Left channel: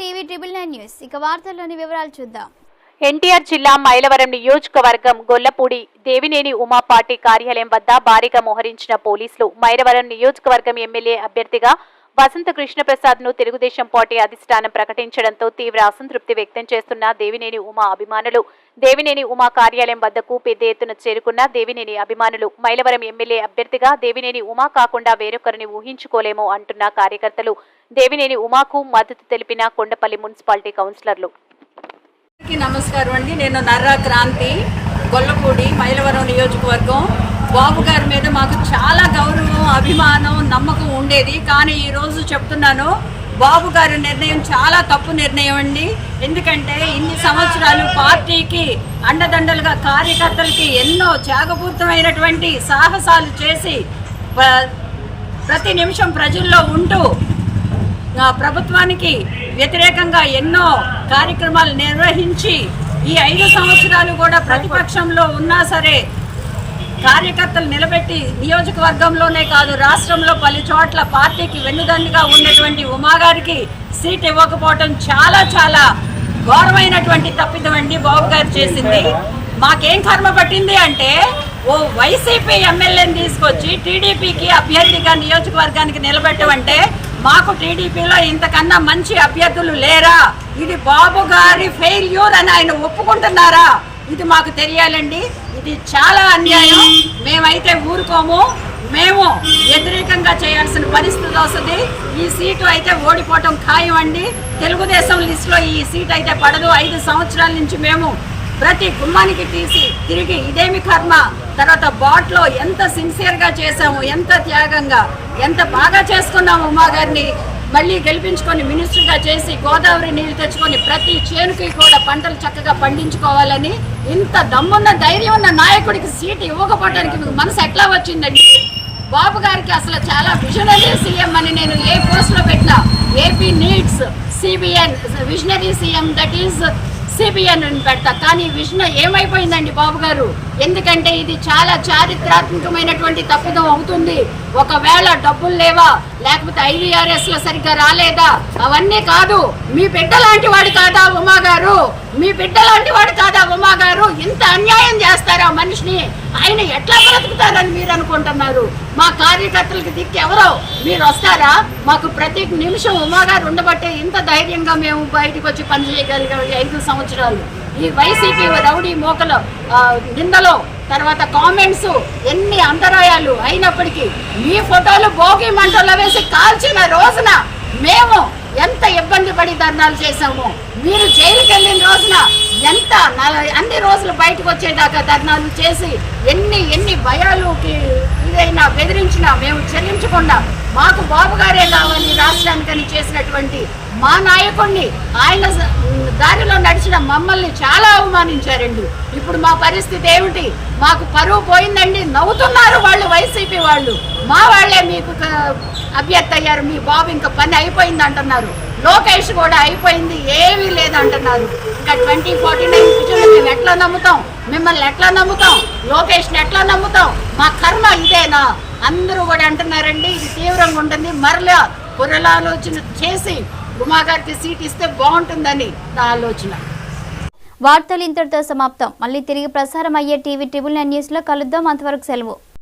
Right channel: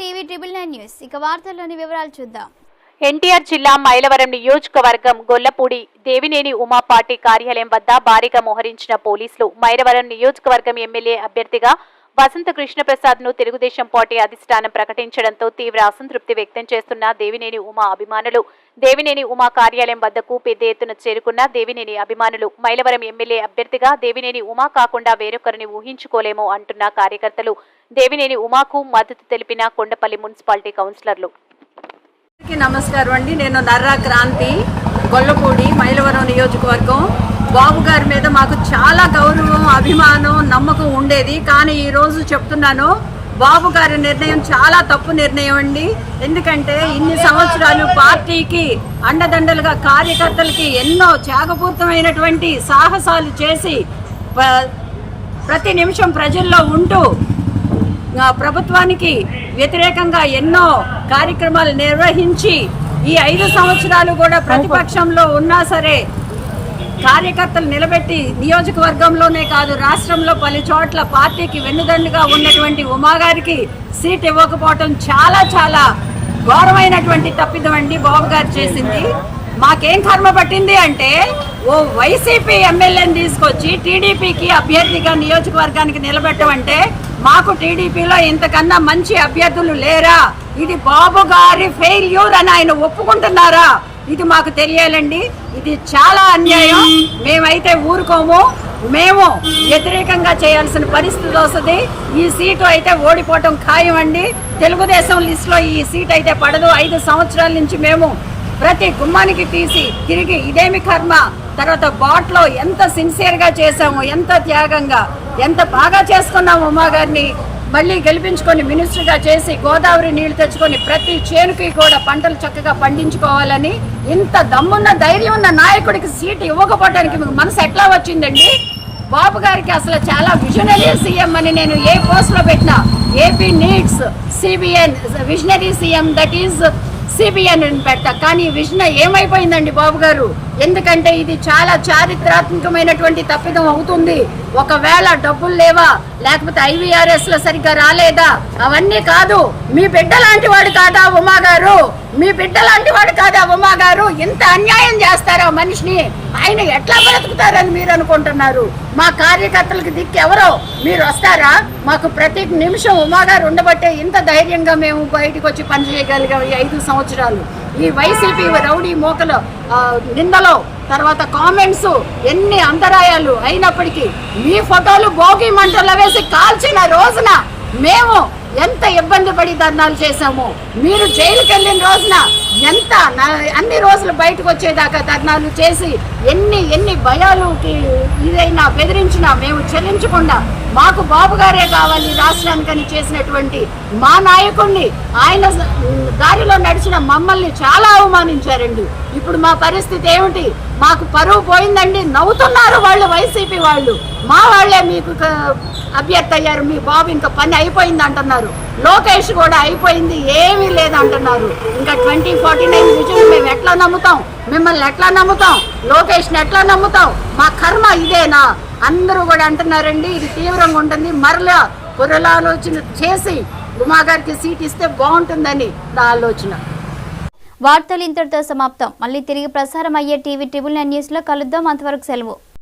TV triple news. ఇక వార్తల్లోని వివరాలు చూద్దాం. ఎన్టీఆర్ జిల్లా మైలవరం నియోజకవర్గం గొల్లపూడి దేవినేని ఉమా పార్టీ కార్యాలయం వద్ద భారీగా మోహరించిన పోలీసులు మైలవరం నియోజకవర్గం ఎమ్మెల్యే అభ్యర్థిగా వసంత కృష్ణప్రసాద్ను తెలుగుదేశం పార్టీ అధిష్టానం ప్రకటించడంతో తీవ్ర అసంతృప్తి వ్యక్తం చేస్తున్న దేవినేని ఉమా అభిమానులు. దేవినేని ఉమా కార్యాలయం వద్దకు పెద్ద ఎత్తున చేరుకున్న దేవినేని అభిమానులు. మైలవరం ఎమ్మెల్యే అభ్యర్థిగా దేవినేని ఉమా కాకుండా వేరొకరిని ఊహించుకోలేము అంటున్న కార్యకర్తలు. దేవినేని ఉమాకు మద్దతు తెలిపిన కొండపల్లి మున్సిపాలిటీ కౌన్సిలర్లు. నమస్కారం అండి. నేను నర్రా క్రాంతి గొల్లపూడి మైలవరం నియోజకవర్గం బాబు గారి మీద మాకు చాలా గౌరవం అభిమానం నమ్మకం ఉండేది. కానీ ఈ రోజు చెప్తున్నాను బాబు గారి నిర్ణయం చాలా తప్పు నిర్ణయం అండి. ఎందుకంటే ఇన్ని సంవత్సరాలు పార్టీకి అండదండలుగా కార్యకర్తలకి ఎన్నో త్యాగపూరితమైనటువంటి సాహసాలు చేసి ప- ప్రతి నిమిషం ప్రజల్లో ఉంటూ ప్రభుత్వానికి వ్యతిరేకంగా ఎన్నో కార్యక్రమాలు నిర్వహించి ఈ ఐదు సంవత్సరాలు కూడా ప్రతిపక్షంలో ఉన్నా సరే కార్యకర్తలు నిలబెట్టి నియోజకవర్గంలోనే కాదు రాష్ట్రంలో పలు చోట్ల పార్టీకి వెన్నుదండుగా ఉన్నటువంటి ఉమాగారికి సీట్ ఇవ్వకపోవటం చాలా చాలా ఘోరమైనటువంటి తప్పిదమండి బాబు గారు చేసింది. మాకేం కర్మ పట్టింది అంటే ఓ వైసీపీ ఎమ్మెల్యేని తీసుకొచ్చి టీడీపీకి అభ్యర్థిగా నియోజకవర్గానికి నిలబెట్టమంటే మాకు టీడీపీలో ఇంతకన్నా మంచి అభ్యర్థులు లేరా? ఇది బాబు గారి ఫెయిల్యూర్ అని ఆయన ఒప్పుకుంటున్నారా? ఇది మాకు తెలియాలండి. ఇది చాలా అన్యాయం. మేమైతే ఊరుకోము. మేము వ్యతిరేకంగా చేయాల్సిన పరిస్థితి వస్తుంది. ఈ సీటు అయితే ఓడిపోవటం ఖాయం అండి తెలుగుదేశం లిస్టులో ఈ సీట్ అయితే పడదు. ఐదు సంవత్సరాల నుంచి మేము ప్రతి గుమ్మానికి తీసి తిరిగి ఇదేమి కర్మ? తర్వాత బాట్లో ఎంత సిన్సియర్గా చేసాము ఎంత త్యాగంగా ఎంత బాగా చేసుకున్నాము ఉమా గారిని మళ్ళీ గెలిపించుకొని మినిస్టర్గా చేసి గోదావరి నీళ్ళు తెచ్చుకొని ప్రతి చేనుకి కూడా పంటలు చక్కగా పండించుకోవాలని ఇంత దమ్మున్న ధైర్యం ఉన్న నాయకుడికి సీటు ఇవ్వకపోవడానికి మీకు మనసు ఎట్లా వచ్చిందండి? బాబు గారికి అసలు చాలా విజనరీ సీఎం అని నేను ఏ పోస్ట్లో పెట్టినా AP needs CBN visionary CM that is CBN అని పెడతా. కానీ విజన్ ఏమైపోయిందండి బాబు గారు? ఎందుకంటే ఇది చాలా చారిత్రాత్మకమైనటువంటి తప్పిదం అవుతుంది. ఒకవేళ డబ్బులు లేవా? లేకపోతే ఐవీఆర్ఎస్లో సరిగ్గా రాలేదా? అవన్నీ కాదు. మీ బిడ్డ లాంటి వాడు కాదా ఉమా గారు? మీ బిడ్డలాంటి వాడు కాదా ఉమా గారు? ఇంత అన్యాయం చేస్తారా మనిషిని? ఆయన ఎట్లా బ్రతుకుతారని మీరు అనుకుంటున్నారు? మా కార్యకర్తలకు దిక్కు ఎవరో? మీరు వస్తారా? మాకు ప్రతి నిమిషం ఉమా గారు ఉండబట్టే ఇంత ధైర్యంగా మేము బయటకు వచ్చి పనిచేయగలిగాం ఈ ఐదు సంవత్సరాలు. ఈ వైసీపీ రౌడీ మోకలు నిందలో తర్వాత కామెంట్స్ ఎన్ని అంతరాయాలు అయినప్పటికీ మీ ఫోటోలు భోగి మంటల్లో వేసి కాల్చిన రోజున మేము ఎంత ఇబ్బంది పడి ధర్నాలు చేశాము? మీరు జైలుకి వెళ్ళిన రోజున ఎంత అన్ని రోజులు బయటకు వచ్చేదాకా ధర్నాలు చేసి ఎన్ని ఎన్ని భయాలుకి ఇదైనా బెదిరించినా మేము చెల్లించకుండా మాకు బాబు గారే కావాలి రాష్ట్రానికని చేసినటువంటి మా నాయకుడిని ఆయన దారిలో నడిచిన మమ్మల్ని చాలా అవమానించారండి. ఇప్పుడు మా పరిస్థితి ఏమిటి? మాకు పరువు పోయిందండి నవ్వుతున్నారు వాళ్ళు వైసీపీ వాళ్ళు. మా వాళ్ళే మీకు అభ్యర్థి అయ్యారు మీ బాబు ఇంకా పని అయిపోయింది అంటున్నారు. లోకేష్ కూడా అయిపోయింది ఏమీ లేదంటున్నారు ఇంకా ట్వంటీ ఫార్టీ నైన్ విజన్ మేము ఎట్లా నమ్ముతాం? మిమ్మల్ని ఎట్లా నమ్ముతాం? లోకేష్ని ఎట్లా నమ్ముతాం? మా కర్మ ఇదేనా? అందరూ కూడా అంటున్నారండి ఇది తీవ్రంగా ఉంటుంది. మరలా పునరాలోచన చేసి ఉమా గారికి సీట్ ఇస్తే బాగుంటుందని నా ఆలోచన. వార్తలు ఇంతటితో సమాప్తం. మళ్ళీ తిరిగి ప్రసారం అయ్యే టీవీ ట్రిబుల్ నైన్ న్యూస్లో కలుద్దాం. అంతవరకు సెలవు.